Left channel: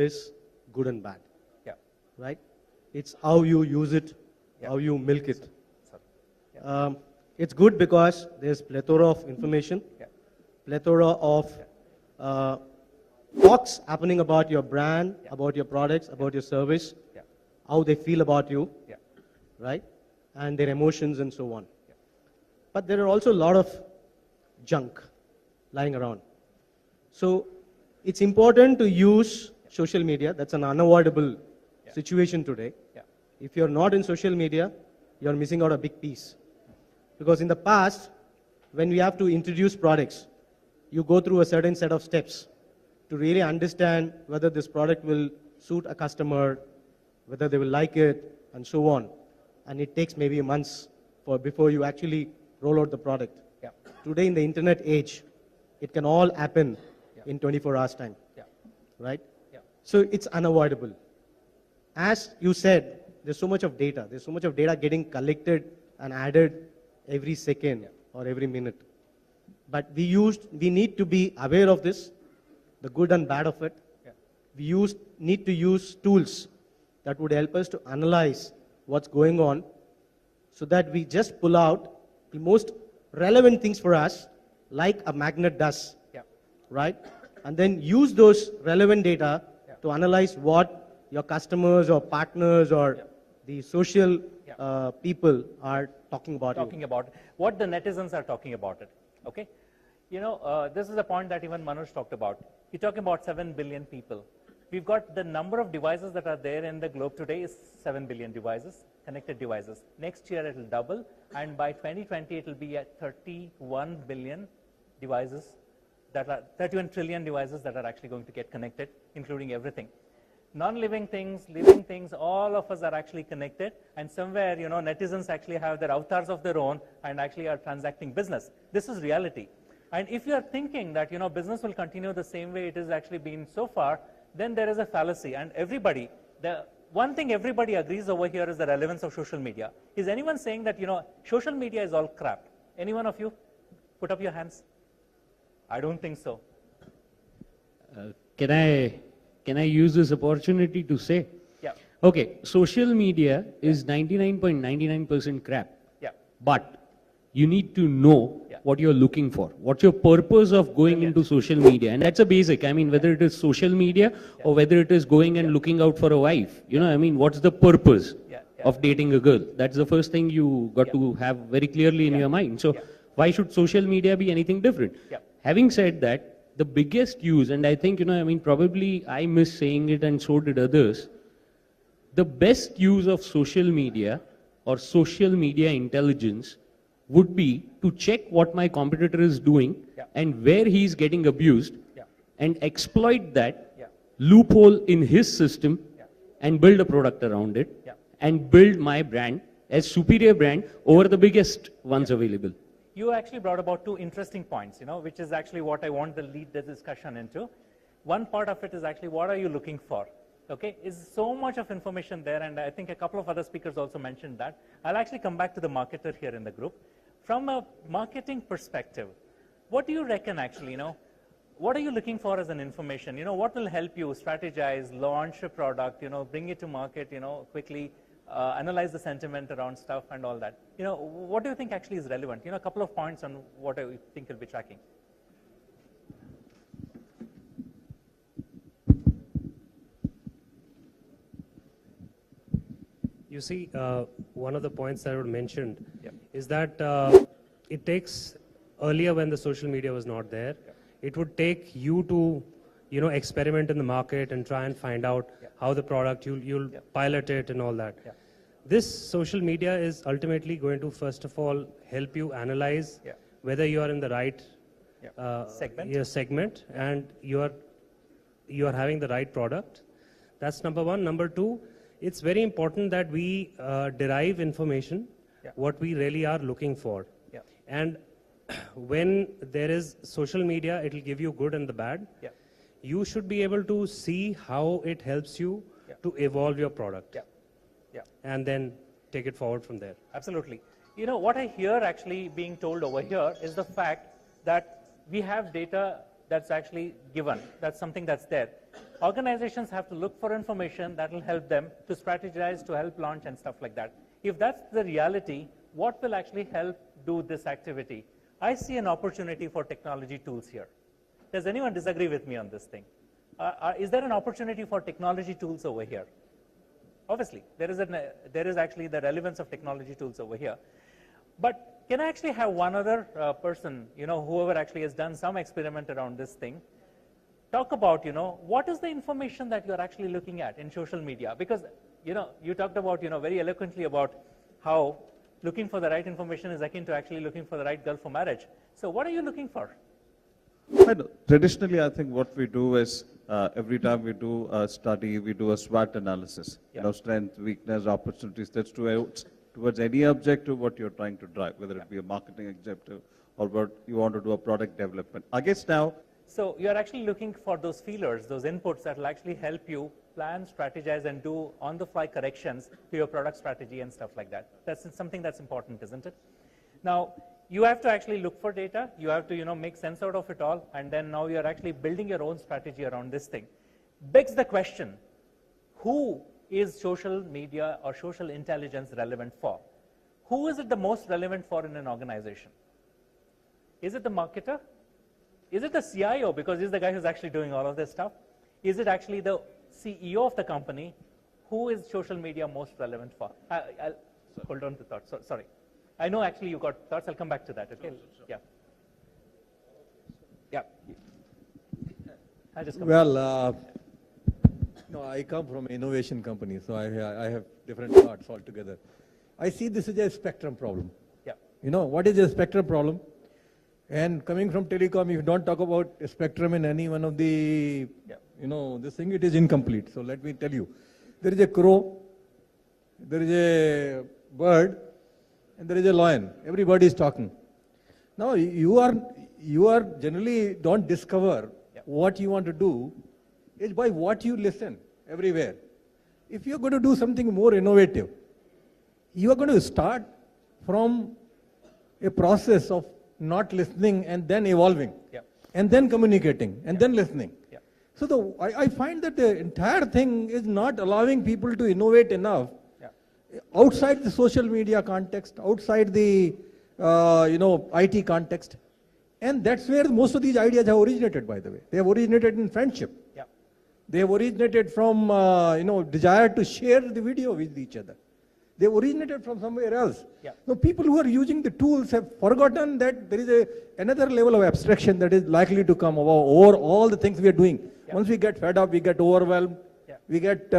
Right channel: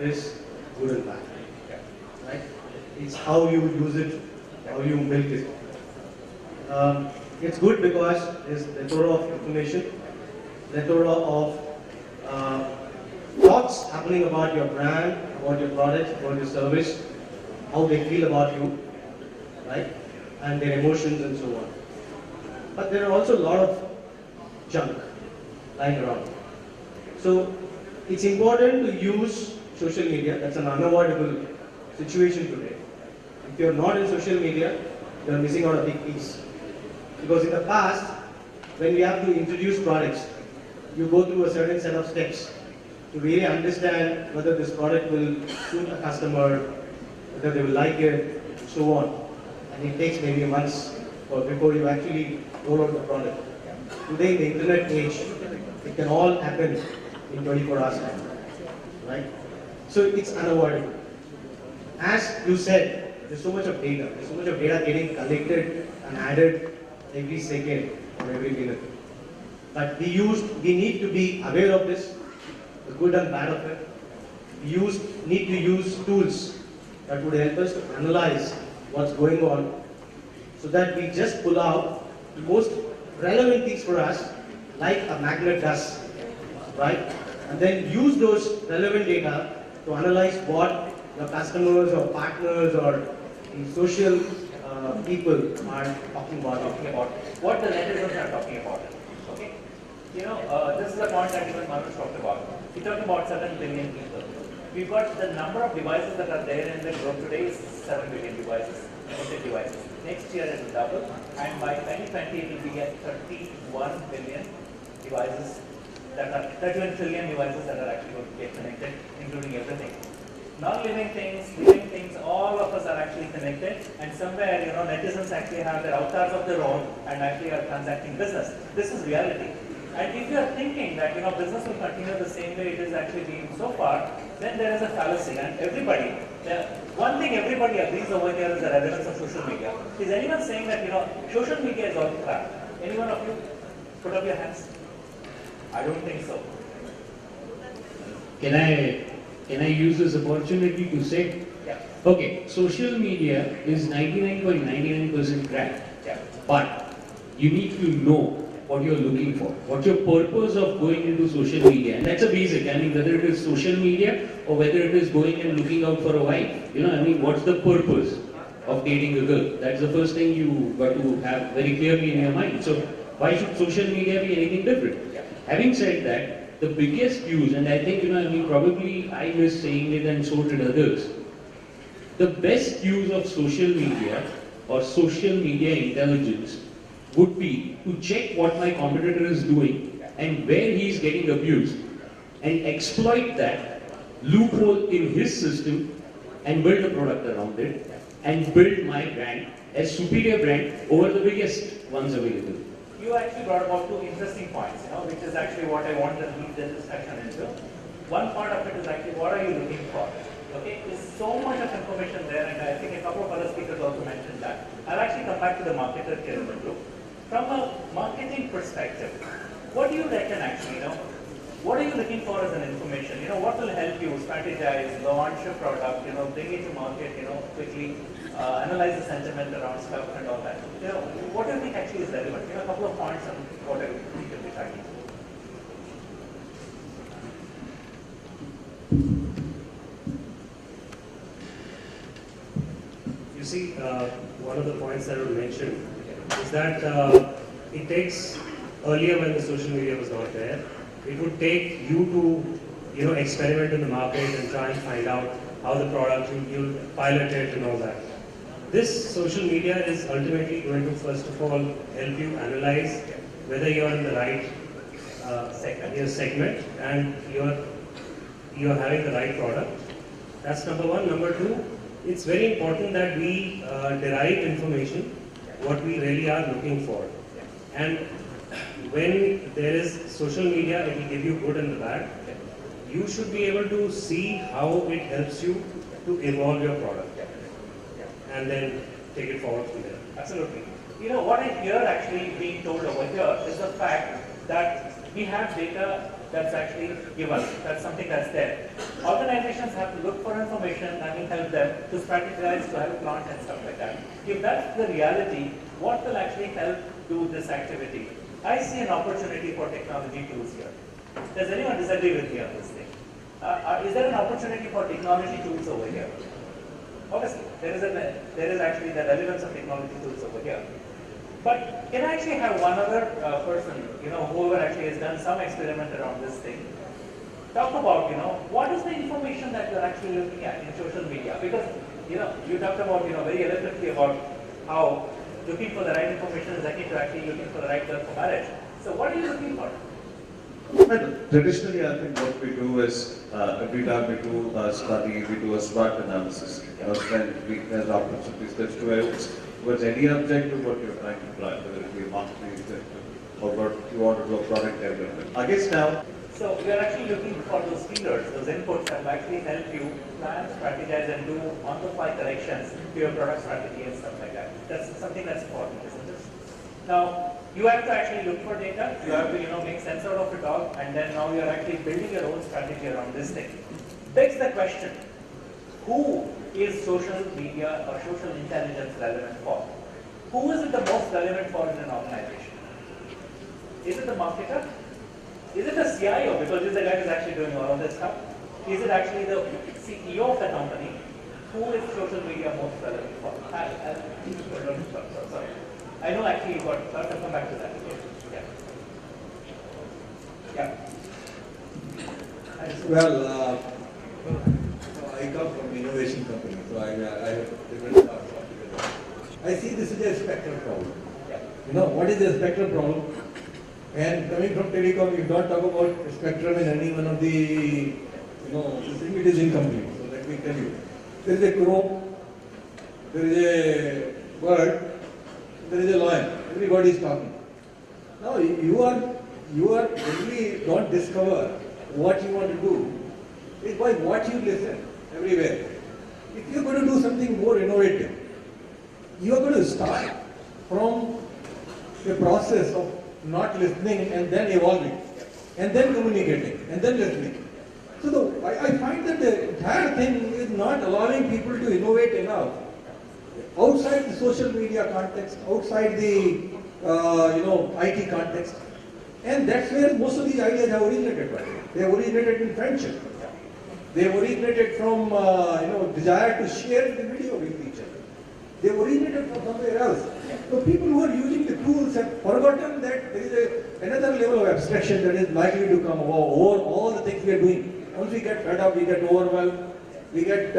is good and bad, right? It's how you use it, how you milk it. It's good because there's plethora of information, plethora of uh, thoughts happening about your brand, about your product, about your service, how they feel about you, right? And their emotions and so on. But there are also a lot of junk lying around. So it's important to use social media. That's an unavoidable situation today. If you're not in social media, you're missing out a big piece. Because in the past, when we have to introduce products, you go through a certain set of steps to really understand whether this product will suit a customer, whether they will like it, and so on. And it takes maybe months or before you actually roll out the product. Today, in the internet age, it can all happen in 24 hours time, right? So it's unavoidable. As you said, there's so much of data. There's so much of data getting collected and added every second or every minute. But we need to be aware of this, the good and bad of it. We need to use tools that would help us to analyze what's going on so that we just pull out the most relevant things for us, like a magnet does, right? And then use those relevant data to analyze what your customers or partners or the social people are talking about. What the netizens are talking about. Okay, this is the point that even Manoj talked about. He talked about 7 billion people. We've got the number of devices that are there in the globe today is 7 billion devices, connected devices. Next year it will double, and by 2020 it will be at 31 billion devices that are 31 trillion devices that are actually going to get connected, including everything. Non-living things, living things, all of us are actually connected, and somewhere, netizens actually have their avatars of their own and actually are transacting business. This is reality. And if you are thinking that, business will continue the same way it is actually been so far, then there is a fallacy. And one thing everybody agrees over here is the relevance of social media. Is anyone saying that, social media is all crap? Anyone of you put up your hands? I don't think so. Can I use this opportunity to say? Yeah. Okay, social media is 99.99% crap. Yeah. But you need to know what you're looking for. What's your purpose of going into social media? And that's a basic. I mean, whether it is social media or whether it is going and looking out for a wife. What's the purpose of dating a girl? That's the first thing you got to have very clearly in your mind. So why should social media be anything different? Having said that, the biggest use, and I think, probably I missed saying it and so did others, the best use of social media or social media intelligence would be to check what my competitor is doing and where he is getting abused and exploit that loophole in his system and build a product around it and build my brand as superior brand over the biggest ones available. You actually brought about 2 interesting points, which is actually what I want to lead the discussion into. One part of it is actually what are you looking for? Okay, there's so much of information there, and I think a couple of other speakers also mentioned that. I'll actually come back to the marketer here in the group. From a marketing perspective, what do you reckon actually, what are you looking for as an information? What will help you strategize, launch a product, bring it to market, quickly, analyze the sentiment around stuff and all that. What do you think actually is relevant? A couple of points on what I think you'll be tracking. You see, one of the points that I would mention is that it takes, earlier when the social media was not there, it would take you to, experiment in the market and try and find out how the product, you'll pilot it and all that. This social media is ultimately going to, first of all, help you analyze whether you are in the right segment and you are having the right product. That's number one. Number two, it's very important that we derive information, what we really are looking for. And when there is social media, it will give you good and the bad. You should be able to see how it helps you to evolve your product and then take it forward from there. Absolutely. What I hear actually being told over here is the fact that we have data that's actually given, that's something that's there. Organizations have to look for information that will help them to strategize, to have plans and stuff like that. If that's the reality, what will actually help do this activity? I see an opportunity for technology tools here. Does anyone disagree with me on this thing? Is there an opportunity for technology tools over here? Obviously, there is actually the relevance of technology tools over here. But can I actually have one other person, whoever actually has done some experiment around this thing, talk about, what is the information that you're actually looking at in social media? Because, you talked about, very eloquently about how looking for the right information is akin to actually looking for the right girl for marriage. So what are you looking for? Well, traditionally, I think what we do is every time we do a study, we do a SWOT analysis. Then there's opportunities that towards any objective what you're trying to drive, whether it be marketing or what you want to do a product development. I guess now. So we are actually looking for those feeders, those inputs that will actually help you plan, strategize, and do on-the-fly corrections to your product strategy and stuff like that. That's something that's important, isn't it? Now, you have to actually look for data, you have to make sense out of it all, and then now you're actually building your own strategy around this thing. Begs the question, who is social media or social intelligence relevant for? Who is it the most relevant for in an organization? Is it the marketer? Is it the CIO, because this is the guy who's actually doing all of this stuff? Is it actually the CEO of the company? Who is social media most relevant for? Sorry. I know actually you got, I'll come back to that. Okay. Yeah. Well, I come from innovation company, so I have different parts altogether. I see this is a spectrum problem. Yeah. What is a spectrum problem? And coming from telecom, you don't talk about spectrum in any one of the, the thing, it is incomplete. So let me tell you. There is a crow, there is a bird, there is a lion. Everybody is talking. Now you are really don't discover what you want to do. It's by what you listen everywhere. If you are going to do something more innovative, you are going to start from a process of not listening and then evolving, and then communicating, and then listening. So I find that the entire thing is not allowing people to innovate enough outside the social media context, outside the IT context, and that's where most of these ideas have originated. By the way, they have originated in friendship. They have originated from desire to share the video with each other. They have originated from somewhere else. So people who are using the tools have forgotten that there is another level of abstraction that is likely to come over all the things we are doing. Once we get fed up, we get overwhelmed, we get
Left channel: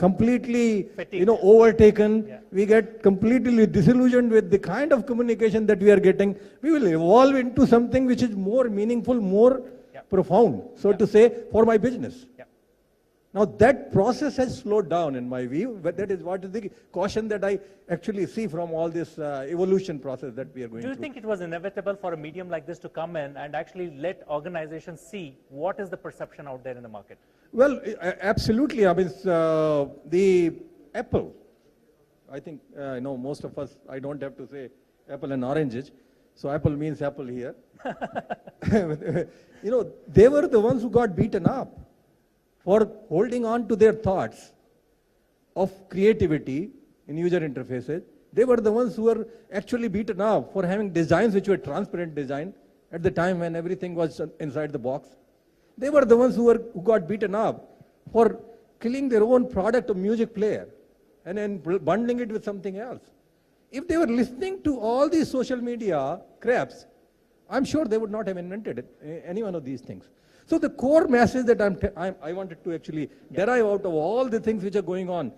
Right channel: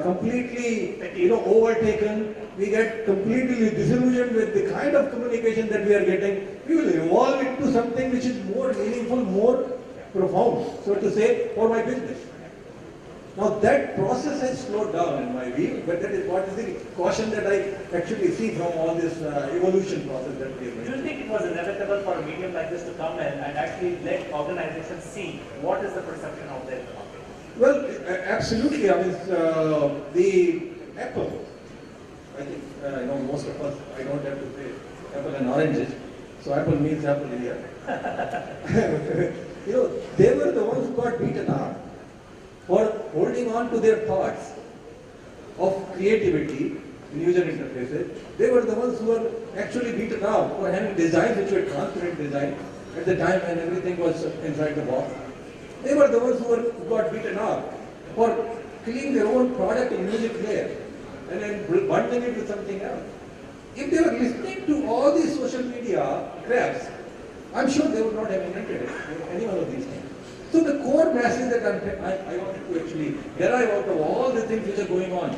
completely overtaken, we get completely disillusioned with the kind of communication that we are getting. We will evolve into something which is more meaningful, more profound, so to say, for my business. Now that process has slowed down in my view, but that is what is the caution that I actually see from all this evolution process that we have made. Do you think it was inevitable for a medium like this to come in and actually let organizations see what is the perception out there in the market? Well, absolutely. I mean, the Apple, I think most of us, I don't have to say apple and oranges, so Apple means apple here. They were the ones who got beaten up for holding on to their thoughts of creativity in user interfaces. They were the ones who were actually beaten up for having designs which were transparent design at the time when everything was inside the box. They were the ones who got beaten up for killing their own product of music player and then bundling it with something else. If they were listening to all these social media craps, I'm sure they would not have invented any one of these things. So the core message that I wanted to actually derive out of all the things which are going on,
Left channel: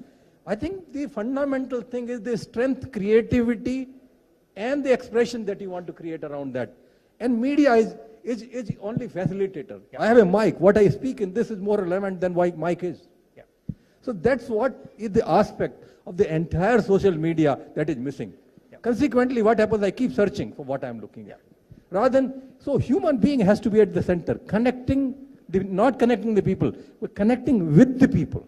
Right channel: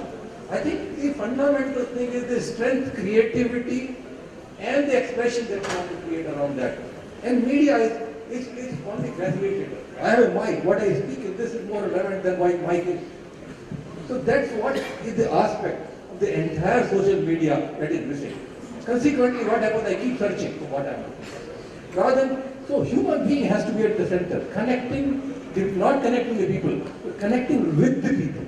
I think the fundamental thing is the strength, creativity, and the expression that we want to create around that. And media is only facilitator. I have a mic. What I speak in this is more relevant than what mic is. So that's what is the aspect of the entire social media that is missing. Consequently, what happens? I keep searching for what I'm looking for. Rather than, so human being has to be at the center, not connecting the people, but connecting with the people.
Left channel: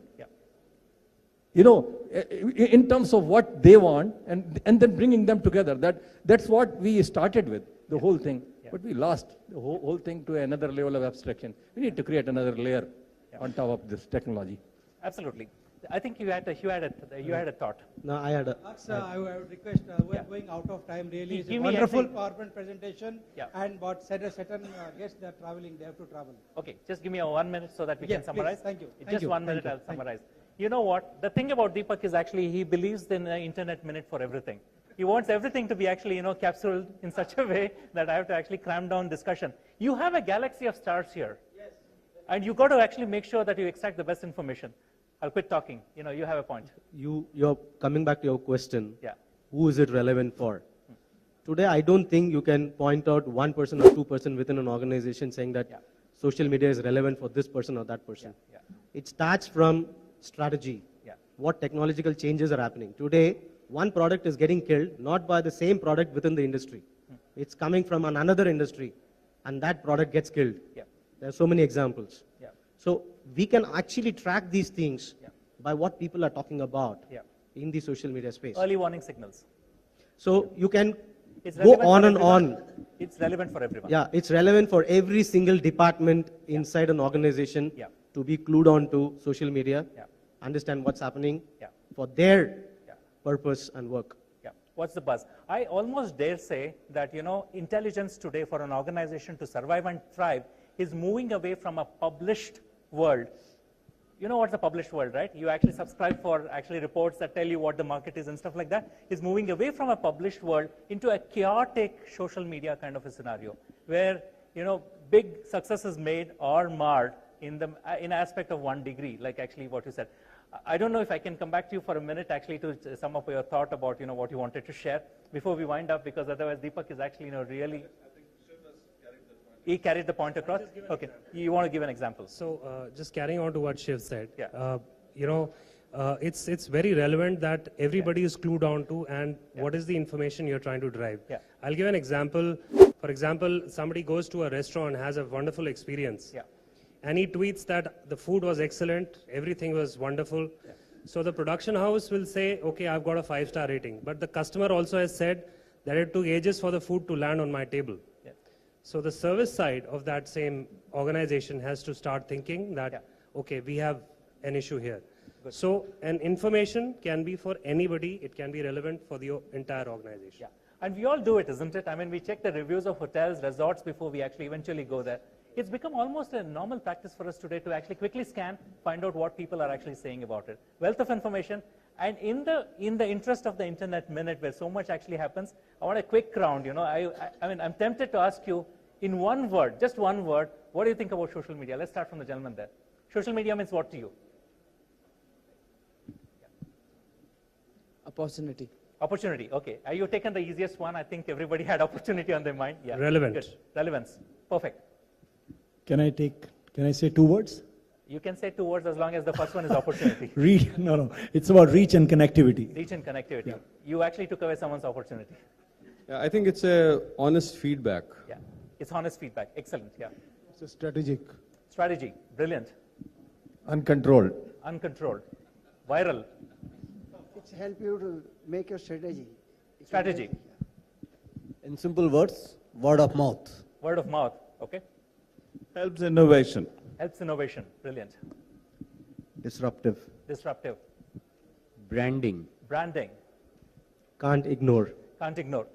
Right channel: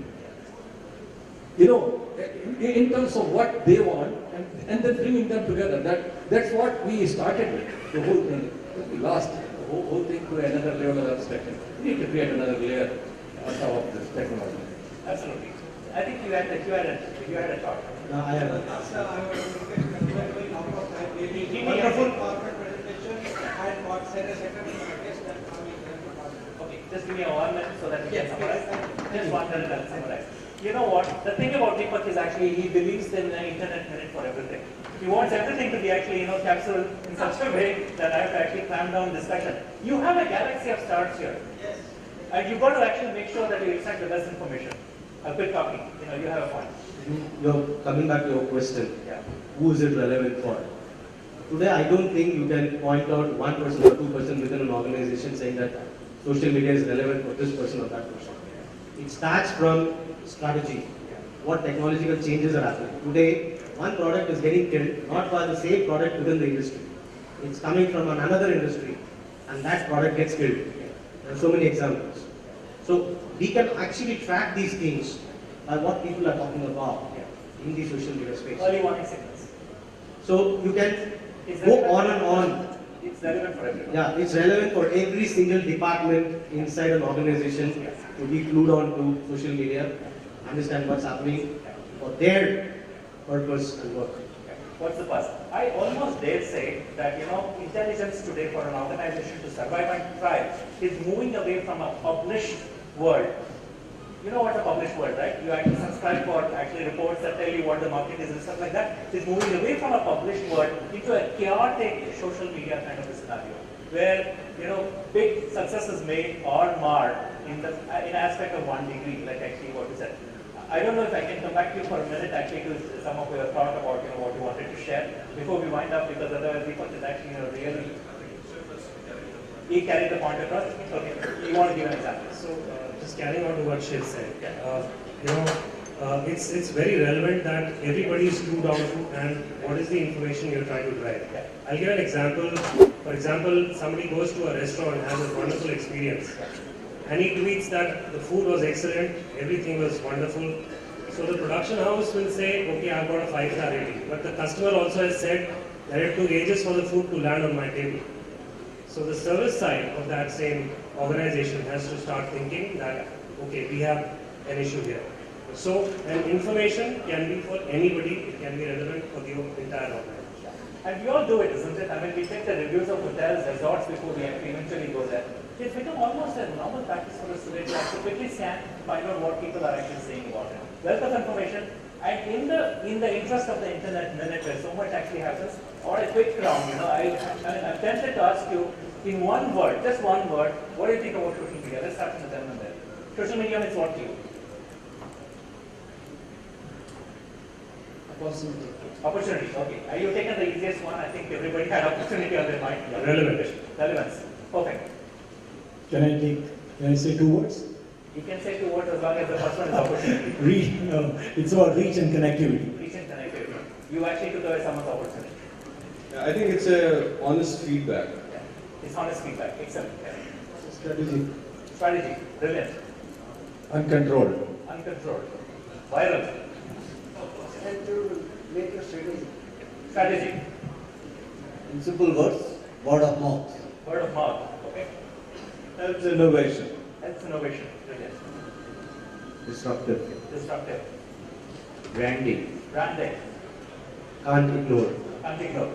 In terms of what they want, and then bringing them together. That's what we started with, the whole thing. But we lost the whole thing to another level of abstraction. We need to create another layer on top of this technology. Absolutely. I think you had a thought. No, I had a. Give me Wonderful. Okay, just give me a 1 minute so that we can summarize. Just 1 minute and summarize. You know what? The thing about Deepak is actually he believes in the internet minute for everything. He wants everything to be actually, capsule in such a way that I have to actually clamp down discussion. You have a galaxy of stars here. Yes. And you've got to actually make sure that you extract the best information. I'll quit talking. You have a point. You're coming back to your question. Yeah. Who is it relevant for? Today, I don't think you can point out 1% or 2% within an organization saying that social media is relevant for this person or that person. It starts from strategy. What technological changes are happening. Today, one product is getting killed not by the same product within the industry. It's coming from another industry and that product gets killed. There are so many examples. So we can actually track these things by what people are talking about in the social media space. Early warning signals. So you can It's go relevant on and for on. everyone. It's relevant for everyone. Yeah, it's relevant for every single department inside an organization to be glued on to social media, understand what's happening for their purpose and work. What's the buzz? I almost dare say that intelligence today for an organization to survive and thrive is moving away from a published world. You know what's a published world, right? You actually subscribe for actually reports that tell you what the market is and stuff like that. Is moving away from a published world into a chaotic social media kind of a scenario, where big successes made or marred in aspect of 1 degree, like actually what you said. I don't know if I can come back to you for a minute actually to some of your thought about what you wanted to share before we wind up, because otherwise Deepak is actually really he carried the point across. Okay, you want to give an example? So, just carrying on to what Shiv said, it's very relevant that everybody is glued on to and what is the information you're trying to drive. Yeah. I'll give an example. For example, somebody goes to a restaurant and has a wonderful experience, and he tweets that the food was excellent, everything was wonderful. So the production house will say, okay, I've got a 5-star rating, but the customer also has said that it took ages for the food to land on my table. So the service side of that same organization has to start thinking that, okay, we have an issue here. So an information can be for anybody, it can be relevant for your entire organization. And we all do it, isn't it? I mean, we check the reviews of hotels, resorts before we actually eventually go there. It's become almost a normal practice for us today to actually quickly scan, find out what people are actually saying about it. Wealth of information, and in the interest of the internet minute where so much actually happens, I want a quick round. I'm tempted to ask you in one word, just one word, what do you think about social media? Let's start from the gentleman there. Social media means what to you? Opportunity. Opportunity. Okay. Are you taking the easiest one? I think everybody had opportunity on their mind. Yeah. Relevant. Relevance. Perfect. Can I say 2 words? You can say 2 words as long as the first one is opportunity. It's about reach and connectivity. Reach and connectivity. You actually took away someone's opportunity. I think it's a honest feedback. Yeah. It's honest feedback. Excellent. Yeah. Strategy. Strategy. Brilliant. Uncontrolled. Uncontrolled. Viral. Strategy. In simple words, word of mouth. Word of mouth. Okay. Helps innovation. Helps innovation. Brilliant. Disruptive. Disruptive. Branding. Branding. Can't ignore. Can't ignore.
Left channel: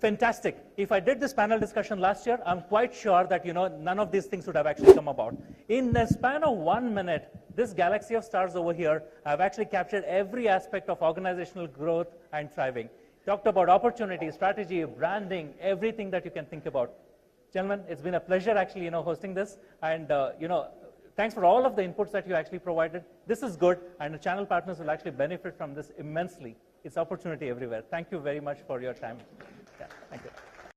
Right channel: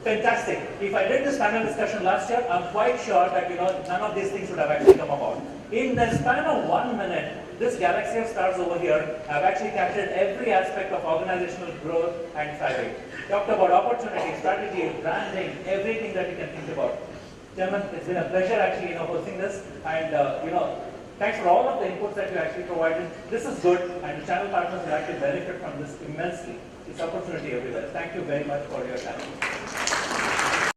Fantastic. If I did this panel discussion last year, I'm quite sure that none of these things would have actually come about. In the span of 1 minute, this galaxy of stars over here have actually captured every aspect of organizational growth and thriving. Talked about opportunity, strategy, branding, everything that you can think about. Gentlemen, it's been a pleasure actually hosting this, and thanks for all of the inputs that you actually provided. This is good, and the channel partners will actually benefit from this immensely. It's opportunity everywhere. Thank you very much for your time.